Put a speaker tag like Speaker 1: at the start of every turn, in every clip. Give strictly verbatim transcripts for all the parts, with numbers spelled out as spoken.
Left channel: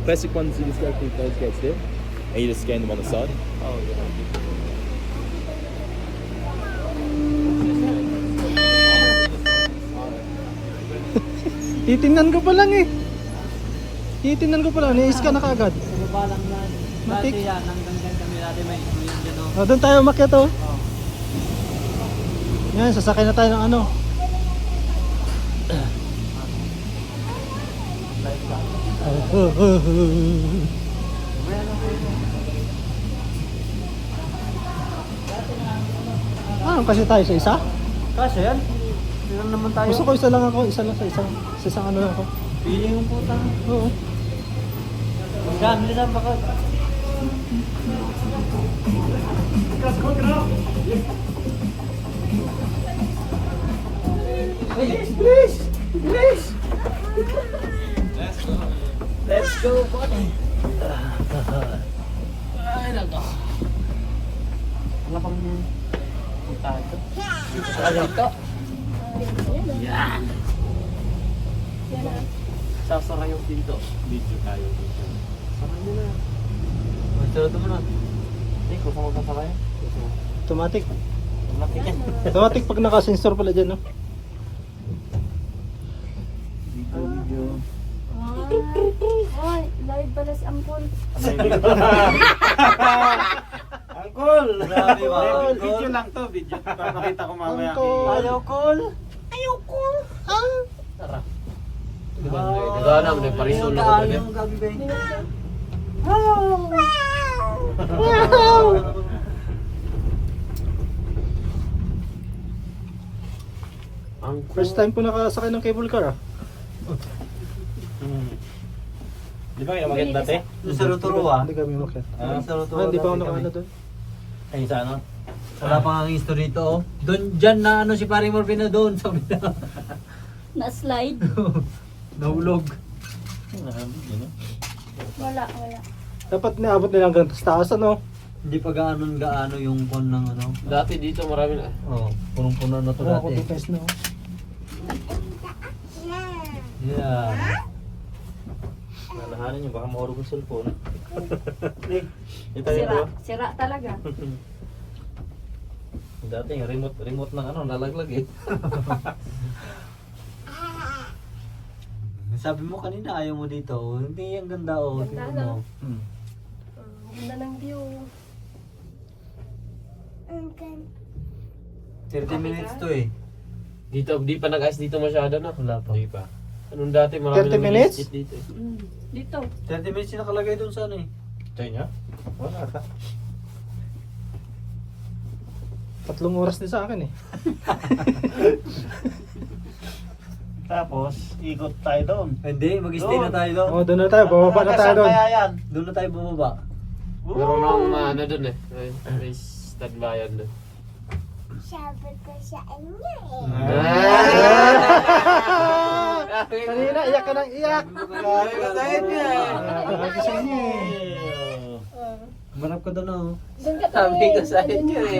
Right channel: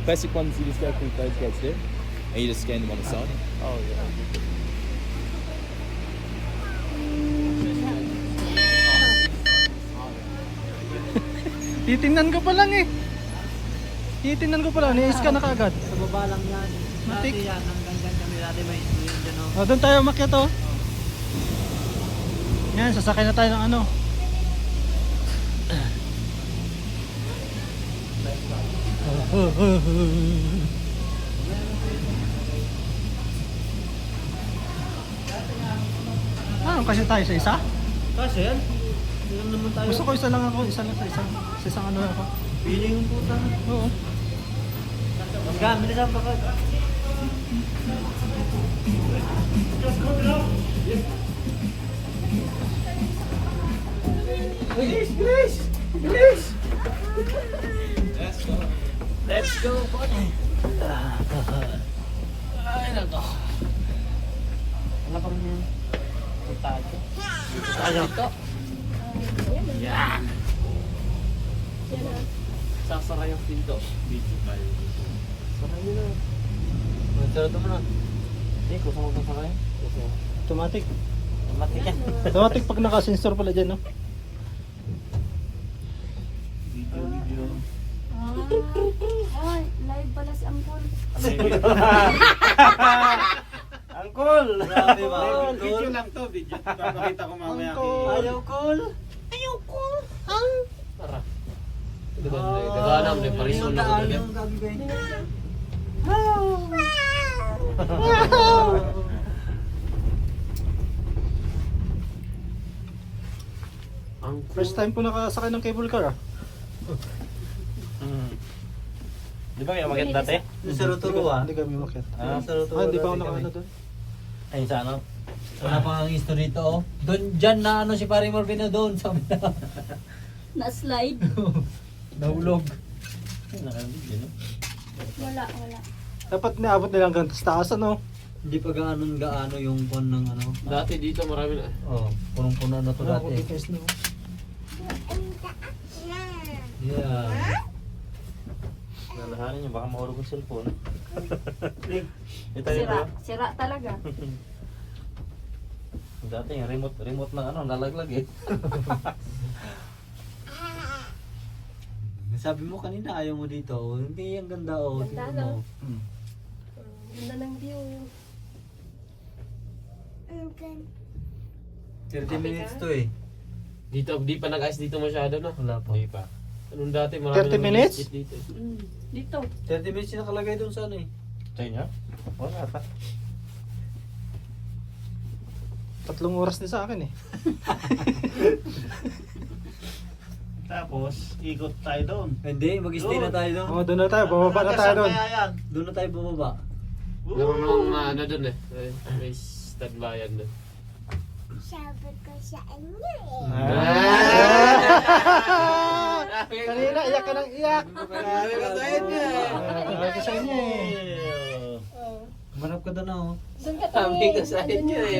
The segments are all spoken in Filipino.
Speaker 1: plastic ones you just go through those gates there, and you just scan them on the side.
Speaker 2: Titingnan ko pa lang eh. Titingnan ko pa lang, ni-scan na kaagad.
Speaker 3: Sa baba lang yan. Dati
Speaker 2: Matik.
Speaker 3: yan, hanggang dyan kami dati may yung gano'n.
Speaker 2: Oh, doon tayo umakyat oh. Yan, sasakay na tayo ng ano. Ah, kasi tayo sa isa?
Speaker 3: Kasi yan, ilan naman tayo.
Speaker 2: Gusto ko isa lang ako, isa lang sa isang, sa isang ano lang ako.
Speaker 3: Pili yung putang.
Speaker 2: Oo.
Speaker 3: Gamit na baka. Please, please, please. Let's go, buddy. Ay, nako. Ano pang punta ito? Ano ito? Yan. Sasara yung pinto. Dito tayo. Sasara nyo na. Matulad mo na. Hindi, kung saan magkasara yun?
Speaker 2: Automatic.
Speaker 3: Automatic yan.
Speaker 2: Automatic pag nakasensor pala dyan, no?
Speaker 3: Video, video.
Speaker 4: Ay, live pala si Ampul.
Speaker 3: Angkol! Grabe ba?
Speaker 5: Video lang to, video. Papakita ko mamaya kay...
Speaker 3: Ayaw, Kol!
Speaker 4: Ayaw ko.
Speaker 3: Tara.
Speaker 6: Gagana mo na yung pariso na ko doon.
Speaker 3: Ayaw, gabi ba yun?
Speaker 6: Ang
Speaker 2: First time ko nakasakay ng cable car, ah.
Speaker 5: Di ba kayo umakyat dati?
Speaker 3: Yung sa Rotorua.
Speaker 2: Hindi kami umakyat.
Speaker 3: Ah, sa
Speaker 2: Ah,
Speaker 3: Rotorua.
Speaker 2: hindi pa ako
Speaker 3: dati kami.
Speaker 2: nakano doon.
Speaker 5: Ay, sa ano?
Speaker 3: Wala pang ang history to, oh. Doon, dyan na ano si Pare Morfino doon, sabi na.
Speaker 4: Na-slide.
Speaker 3: Nahulog.
Speaker 4: Wala, wala.
Speaker 2: Dapat naabot nila hanggang taas, ano?
Speaker 3: Hindi pa gaano gaano yung pon ng ano.
Speaker 6: dati dito marami na.
Speaker 3: Oh, punong-puno na to
Speaker 2: Wala
Speaker 3: dati.
Speaker 2: akong device na, oh.
Speaker 3: Yeah.
Speaker 5: Nanahanan niyo, baka mahulog yung cellphone. Ito,
Speaker 4: Sira,
Speaker 5: ito.
Speaker 4: sira talaga.
Speaker 5: Dati yung remote, remote ng ano, nalaglag eh.
Speaker 3: Sabi mo kanina ayaw mo dito. Oh. Hindi, ang ganda oh.
Speaker 4: Ganda,
Speaker 3: Tingnan mo.
Speaker 4: no?
Speaker 3: Hmm.
Speaker 4: Ganda ng view.
Speaker 3: thirty minutes to eh.
Speaker 6: Dito, di pa nag-ice dito masyado na.
Speaker 3: Wala pa.
Speaker 6: Di pa. Anong dati marami
Speaker 2: thirty
Speaker 6: na
Speaker 2: minutes?
Speaker 6: nag-skate dito. eh.
Speaker 4: Mm. Dito.
Speaker 3: thirty minutes yung nakalagay doon sa ano eh.
Speaker 5: Sa inyo? Wala ata.
Speaker 2: Tatlong oras din sa akin, eh.
Speaker 5: Tapos, ikot tayo doon.
Speaker 3: Hindi, mag-stay na tayo doon.
Speaker 2: Oh, doon na tayo. Bumaba na tayo doon.
Speaker 5: Kaya yan.
Speaker 3: Doon na tayo bumaba.
Speaker 6: Meron akong uh, ano doon eh. Race taglayan doon.
Speaker 4: Sabi ko sa inyo
Speaker 2: Kanina, iyak ka ng iyak.
Speaker 3: Marap ka doon oh.
Speaker 4: Doon ka
Speaker 6: Sabi ko sa inyo eh.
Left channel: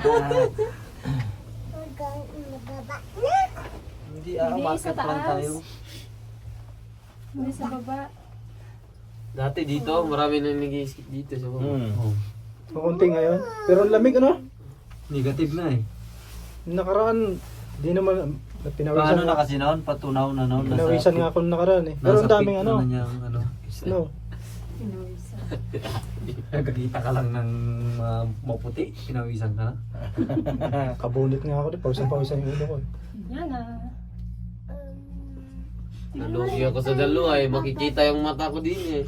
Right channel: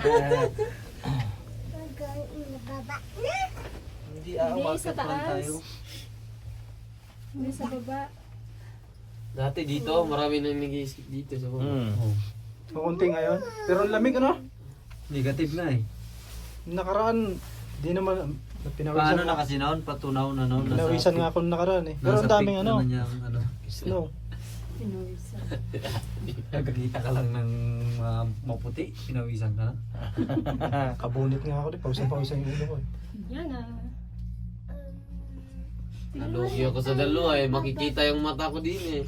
Speaker 3: Hindi ah,
Speaker 4: Hindi,
Speaker 3: market
Speaker 4: sa
Speaker 3: lang
Speaker 4: taas.
Speaker 3: tayo.
Speaker 4: Hindi sa baba.
Speaker 6: Dati dito, marami na nag-skate dito. Sa mga.
Speaker 5: Hmm.
Speaker 3: Oh.
Speaker 2: Kunti ngayon. Pero ang lamig, ano?
Speaker 3: Negative na eh.
Speaker 2: Yung nakaraan, di naman, pinawisan
Speaker 3: Paano na
Speaker 2: nga-
Speaker 3: kasi noon? Patunaw na noon. Nasa
Speaker 2: Pinawisan nga
Speaker 3: peak-
Speaker 2: ako nung nakaraan, eh. Pero
Speaker 3: Nasa
Speaker 2: ang daming,
Speaker 3: peak
Speaker 2: ano,
Speaker 3: na niya ang ano.
Speaker 2: snow.
Speaker 4: Pinuwisan.
Speaker 3: Nagkakita ka lang ng uh, maputi. Pinawisan ka na.
Speaker 2: Kabunot nga ako, eh. Pawisan-pawisan yung ulo ko, eh.
Speaker 4: Yan ah.
Speaker 6: Nalugi ako sa dalawa eh. Makikita yung mata ko din eh.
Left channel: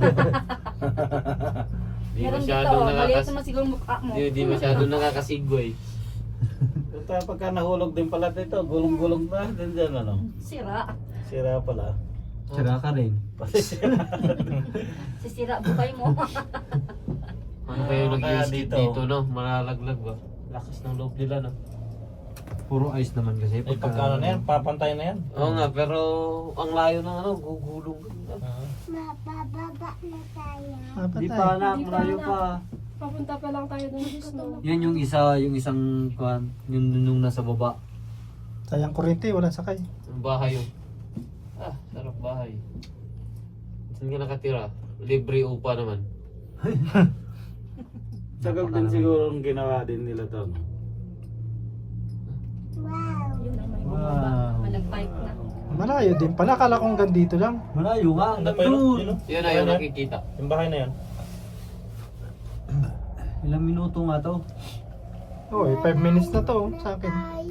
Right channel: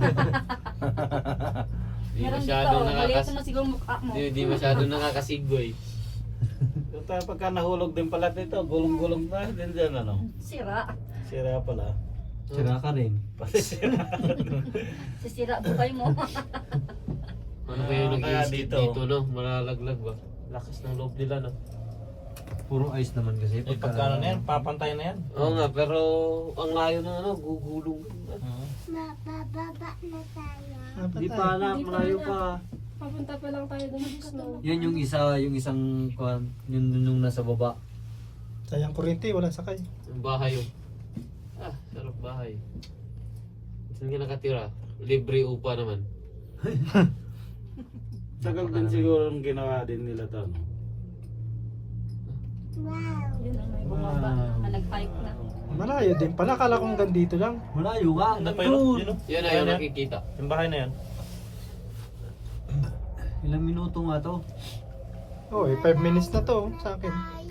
Speaker 6: Di
Speaker 4: Meron dito.
Speaker 6: masyadong
Speaker 4: Maliit
Speaker 6: nakakas...
Speaker 4: naman siguro mukha mo.
Speaker 6: Di, di masyadong nakakasigway.
Speaker 5: Ito, pagka nahulog din pala dito, gulong-gulong na. Din dyan, ano?
Speaker 4: Sira.
Speaker 5: Sira pala.
Speaker 3: Sira ka rin.
Speaker 4: Sisira bukay mo.
Speaker 6: Ano kayo
Speaker 5: Ah, kaya
Speaker 6: nag-skate
Speaker 5: dito.
Speaker 6: dito no? Malalaglag ba? Lakas ng loob nila no?
Speaker 3: Puro ice naman kasi.
Speaker 5: Eh, pagka ano na yan, papantay na yan.
Speaker 6: Oo nga, pero ang layo ng ano, gugulong.
Speaker 4: Mabababa na tayo.
Speaker 3: Di pa anak,
Speaker 4: Di pa,
Speaker 3: malayo
Speaker 4: anak.
Speaker 3: pa.
Speaker 4: Papunta pa lang tayo doon sa snow.
Speaker 3: Yan yung isa, yung isang kwan, yung nung nasa baba.
Speaker 2: Sayang kuryente, walang sakay.
Speaker 6: Ang bahay yung. Ah, sarap bahay. Saan ka nakatira? Libre upa naman.
Speaker 5: Tagal din siguro ang ginawa din nila to. no?
Speaker 4: Yun ang may bumaba.
Speaker 2: Wow.
Speaker 4: Nag-bike na.
Speaker 2: Malayo din pala. Kala kong hanggang dito lang.
Speaker 3: Malayo nga.
Speaker 5: Ano pa yun?
Speaker 6: Yan na yung nakikita.
Speaker 5: Yung bahay na yan.
Speaker 3: Ilang minuto nga to.
Speaker 2: Oh, five minutes na to oh, sa akin.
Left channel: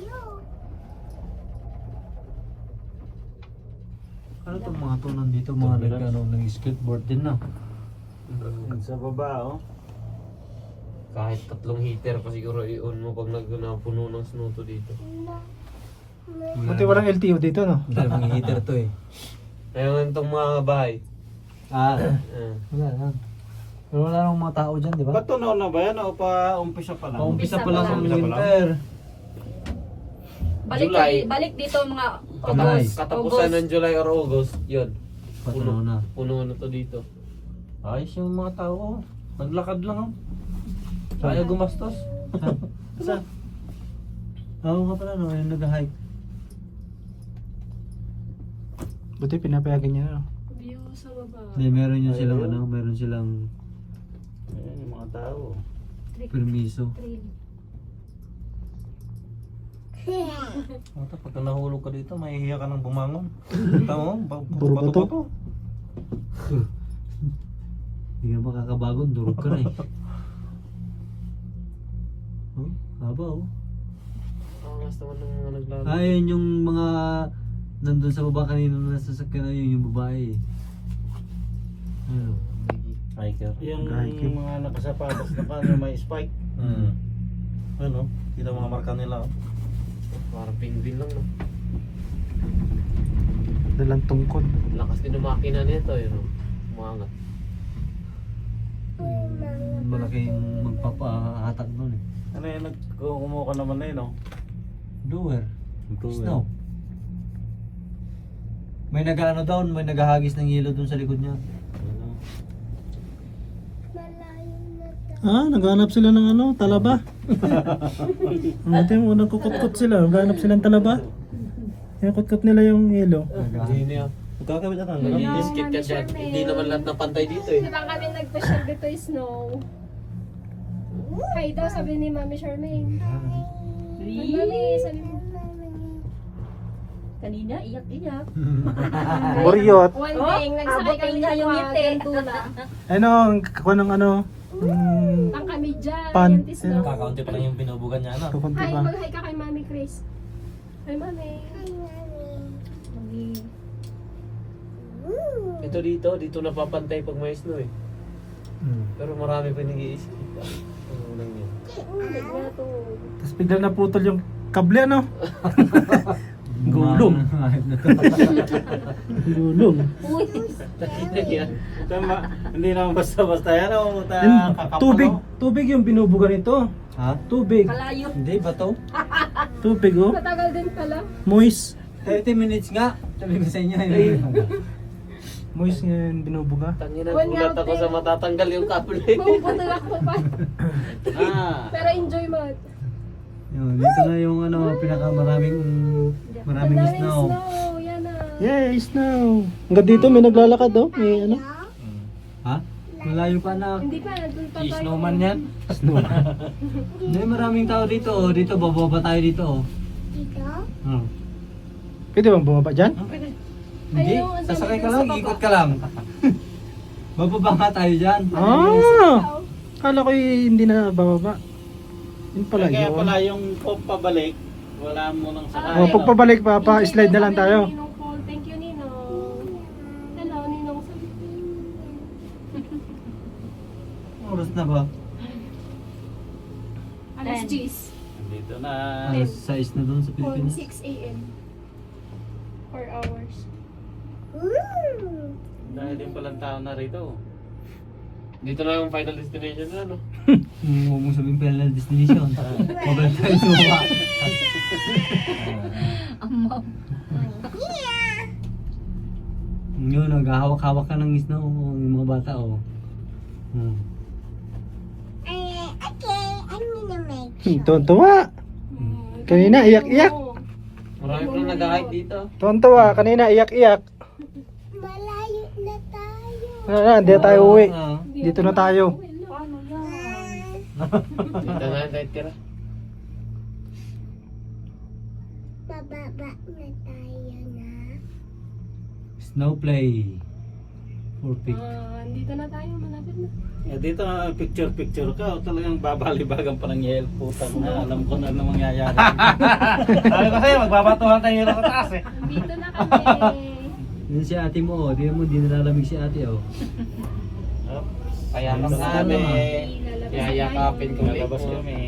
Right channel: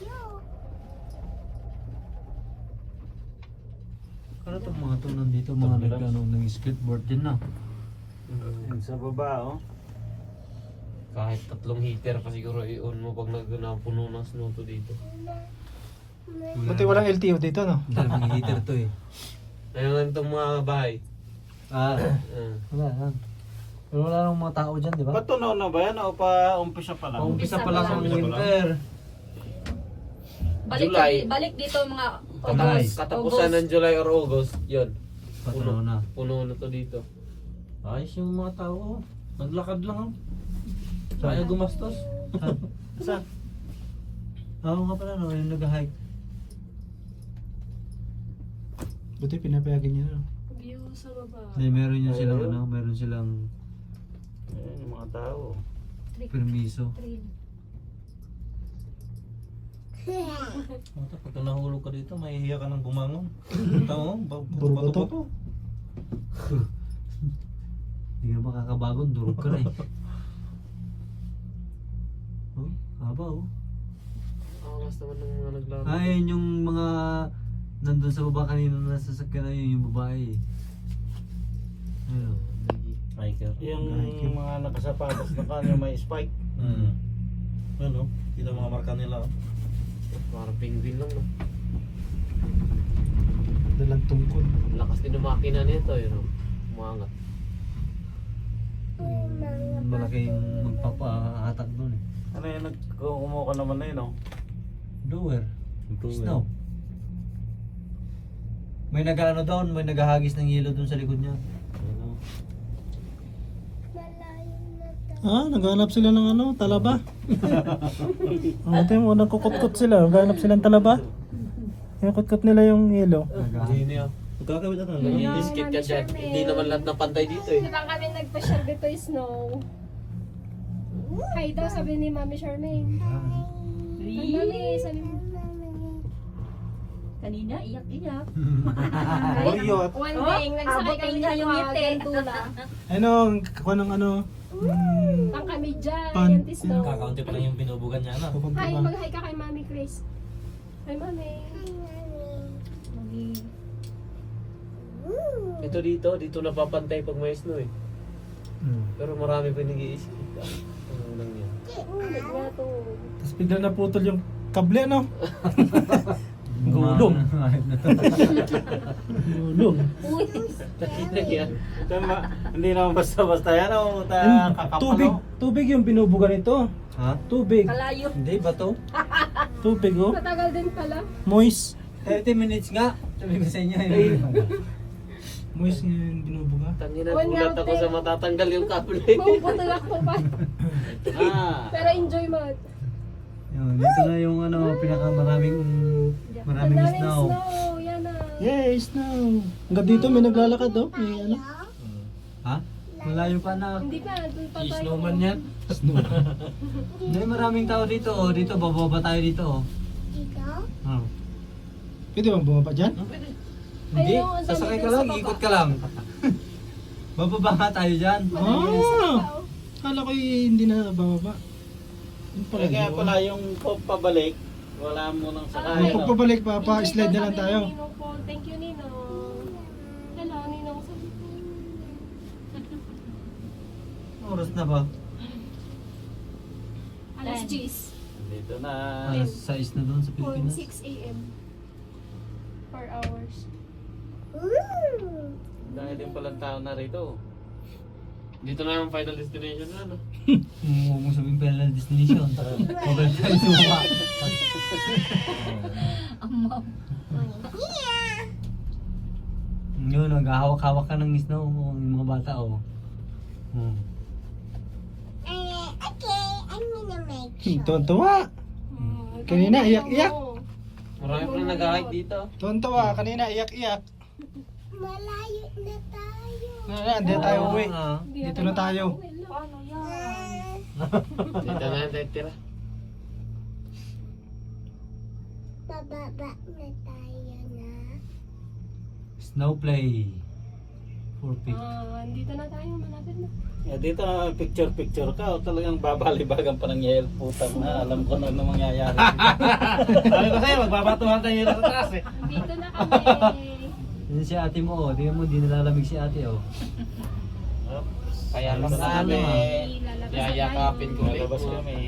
Speaker 3: Ano itong mga to nandito? Mga nagkano ng skateboard din na.
Speaker 5: Yung sa baba oh.
Speaker 6: Kahit tatlong heater pa siguro i-on mo pag nagpuno ng snow to dito.
Speaker 2: Buti walang L T O dito no?
Speaker 3: Dalawang heater to eh.
Speaker 6: Ngayon itong mga bahay.
Speaker 3: Ah,
Speaker 6: Ah.
Speaker 3: wala lang. Pero wala lang mga tao dyan, di ba?
Speaker 5: Ba't tunaw na ba yan o pa umpisa pa lang?
Speaker 3: Paumpisa pa lang ang
Speaker 5: Umpisa pa lang.
Speaker 3: winter.
Speaker 4: Balik,
Speaker 6: July.
Speaker 4: balik dito mga
Speaker 3: July.
Speaker 4: August.
Speaker 6: Katapusan ng July or August, yun.
Speaker 3: Patanaw na.
Speaker 6: Puno na to dito.
Speaker 3: Ayos yung mga tao. oh. Naglakad lang oh. Kaya gumastos. Saan? Oo nga pala no, yung nag-hike.
Speaker 2: Buti pinapayagan niya no?
Speaker 4: View sa baba.
Speaker 3: May meron yun silang ano, meron silang
Speaker 5: Ayan yung mga tao.
Speaker 3: permiso.
Speaker 4: Trail.
Speaker 7: Ito, pagka nahulog ka dito, mahihiya ka ng bumangon. Tama mo?
Speaker 2: Puro bato.
Speaker 7: Bato-bato.
Speaker 3: Hindi ka makakabagon, durog ka na eh. Oh, haba oh.
Speaker 6: Ang last naman ng mga naglaro.
Speaker 3: Ayun yung mga nandun sa baba kanina na sasakyan na yun, yung babae eh. Ayun oh.
Speaker 7: Hiker.
Speaker 5: Yung
Speaker 3: Hiking.
Speaker 5: mga nakasapatos na kanya may spike.
Speaker 7: Hmm. Ano? Kita mga marka nila. oh.
Speaker 6: Parang penguin lang, no?
Speaker 2: Dalang tungkod.
Speaker 6: Lakas din ng makina nito, yun, no? Umangat.
Speaker 3: Yung malaking magpapahatag nun eh.
Speaker 5: Ano yan, nagkumuha ka naman na yun oh.
Speaker 3: Doer. Snow. May nag-ano doon, may naghahagis ng hilo doon sa likod niya.
Speaker 2: Ah, naghanap sila ng ano, talaba. Buti mo, nagkukutkot sila. Naghanap silang talaba. Kaya kutkot nila yung hilo.
Speaker 6: Hindi niya.
Speaker 7: Magkakabit ata.
Speaker 4: Yeah.
Speaker 6: Biscuit ka dyan. Hindi naman lahat ng pantay dito, eh.
Speaker 4: Di ba kami nagpa-share dito yung snow? Hi daw, sabi ni Mami Charmaine. Ay, Mami, sabi mo. Kanina, iyak-iyak.
Speaker 2: Boryot.
Speaker 4: One thing, nagsakay kami na yung ngiti.
Speaker 2: Ano, ang kakuha ng ano, mm,
Speaker 4: Pang kami dyan,
Speaker 2: Pan-
Speaker 4: yan tis snow.
Speaker 7: Kakaunti pa lang yung binubugan niya, ano?
Speaker 2: kukunti
Speaker 4: Hi,
Speaker 2: pa.
Speaker 4: mag-hi ka kay Mami Chris. Hi, Mami. Hi, Mami.
Speaker 6: Ito dito, dito napapantay pag may snow, eh.
Speaker 2: Hmm.
Speaker 6: Pero marami pa nag-i-skip. Ano lang yan.
Speaker 4: Ulit nga to.
Speaker 2: Tapos bigla naputol yung kable ano.
Speaker 3: Gulong.
Speaker 2: Gulong.
Speaker 4: Uy,
Speaker 6: Nakita niya.
Speaker 5: Tama, hindi naman basta-basta yan oh. Ta
Speaker 2: Yung
Speaker 5: kakapano.
Speaker 2: tubig, tubig yung binubuga nito.
Speaker 3: Ha?
Speaker 2: Tubig,
Speaker 4: kalayo.
Speaker 3: Hindi ba to?
Speaker 2: tubig oh.
Speaker 4: Matagal din pala.
Speaker 2: Moist.
Speaker 3: thirty minutes nga. Sabi ko sa inyo. eh.
Speaker 2: Moist nga yung binubuga.
Speaker 6: Tangina,
Speaker 4: One
Speaker 6: gulat
Speaker 4: round
Speaker 6: ako
Speaker 4: eh.
Speaker 6: sa matatanggal yung kable.
Speaker 4: Mapuputol ako pa.
Speaker 5: Ah.
Speaker 4: Pero enjoy mo.
Speaker 3: Yun, dito na yung ano, pinakamaraming maraming
Speaker 4: Ang daming
Speaker 3: snow.
Speaker 4: snow. Yan na.
Speaker 2: Yay, snow. Hanggang dito may naglalakad oh. May ano.
Speaker 3: Ha? Malayo pa na.
Speaker 4: Hindi pa, doon pa tayo.
Speaker 3: Snowman yan? Snow. Hindi, maraming tao dito oh. Dito, bababa tayo dito oh. Dito? Oh.
Speaker 2: Pwede bang bumaba dyan?
Speaker 3: Hindi,
Speaker 4: Ayun, ang
Speaker 3: sasakay
Speaker 4: dami
Speaker 3: ka
Speaker 4: sa
Speaker 3: lang,
Speaker 4: baba.
Speaker 3: ikot ka lang. Bababa nga tayo dyan.
Speaker 2: Ah! Kala ko eh, hindi na bababa. Yun pala
Speaker 5: Eh, kaya
Speaker 2: yun.
Speaker 5: pala yung pop pabalik, wala mo nang sakay.
Speaker 2: Oh, pagpabalik pa, pa slide na lang tayo.
Speaker 4: Ninong Paul. Thank you, Ninong. Hello, Ninong.
Speaker 3: Oras na ba?
Speaker 4: Alas G's.
Speaker 5: Dito na.
Speaker 3: Alas sais na doon sa Pilipinas.
Speaker 4: six a m four hours.
Speaker 5: Dahil din palang tao na rito.
Speaker 6: Dito na yung final destination na, no?
Speaker 3: Huwag mo sabihin final destination. Mobile tayo suwa. Yun, naghahawak-hawak ka ng snow. Yung mga bata oh. Hmm.
Speaker 2: Tuwan-tuwa. Kanina, iyak-iyak.
Speaker 6: Marami pa nag-hike dito.
Speaker 2: Tuwan-tuwa. Kanina, iyak-iyak.
Speaker 4: Malayo na tayo.
Speaker 2: Ah, hindi na tayo uwi.
Speaker 3: Ah.
Speaker 2: Dito na tayo.
Speaker 4: Paano yan?
Speaker 6: Dito na yan tayo tira.
Speaker 8: Bababa na tayo na.
Speaker 3: Snow play. For pic.
Speaker 4: Ah, dito na tayo, malapit na.
Speaker 5: Eh, dito na picture picture ka o talagang babalibagan pa ng yel putang na alam ko na ano mangyayari.
Speaker 3: Sabi ko sa'yo, magbabatuhan tayo sa taas eh.
Speaker 4: Dito na kami.
Speaker 3: Yun si ate mo, oh. Di mo, di nalalamig si ate, oh.
Speaker 6: Kaya pa
Speaker 3: Ano
Speaker 6: kami.
Speaker 3: naman?
Speaker 4: Lalabas na
Speaker 6: Yayakapin ko ulit
Speaker 5: Labas
Speaker 6: ko.
Speaker 5: kami.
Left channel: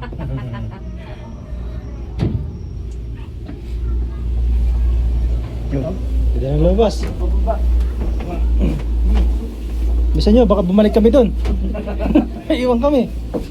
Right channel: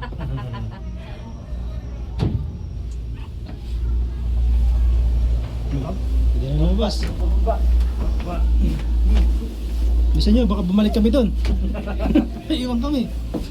Speaker 2: Pwede na lumabas. Bisa nyo, baka bumalik kami doon. Iwan kami.